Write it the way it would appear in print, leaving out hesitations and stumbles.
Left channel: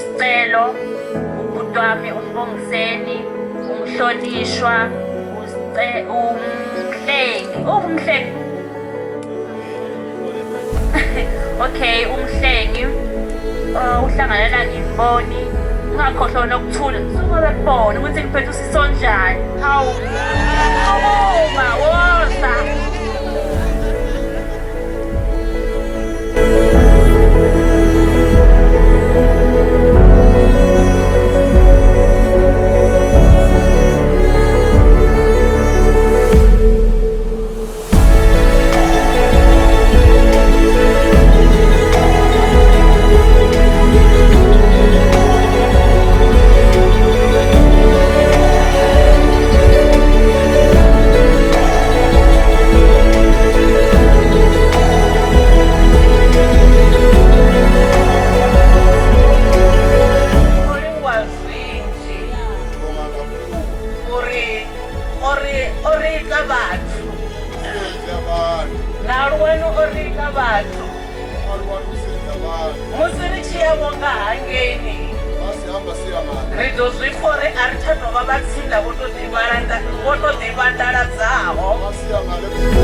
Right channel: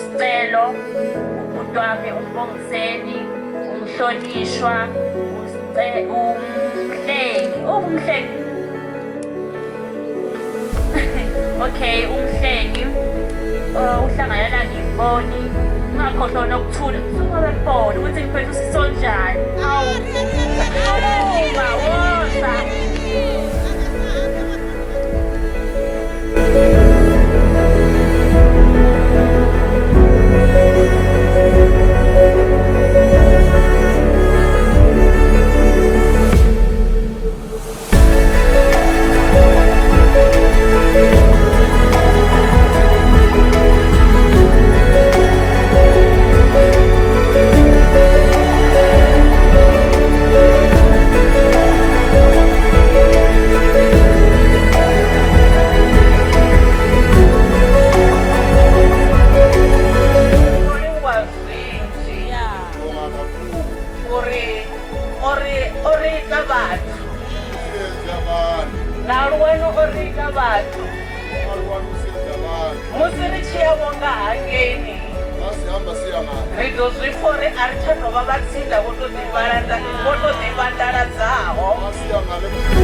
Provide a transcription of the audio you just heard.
usicelo ubhuti wami umbongiseni umhlonishwa umhlengi okay umhlengi uhlanganela ngimboni ungakhohlwa nokuthula suka bebona ukuthi ngiphethe usisonjani hawu woza Aluwani orika batho. Aluwani usenza abantu. Musi ri tshiya vonga hangeni. Masi hamba siya ngani. Ri ḓo zwi fore a ri tsha ḓo vha vhatsinda vho to ḓivhandadzaho. Masi ya ngale.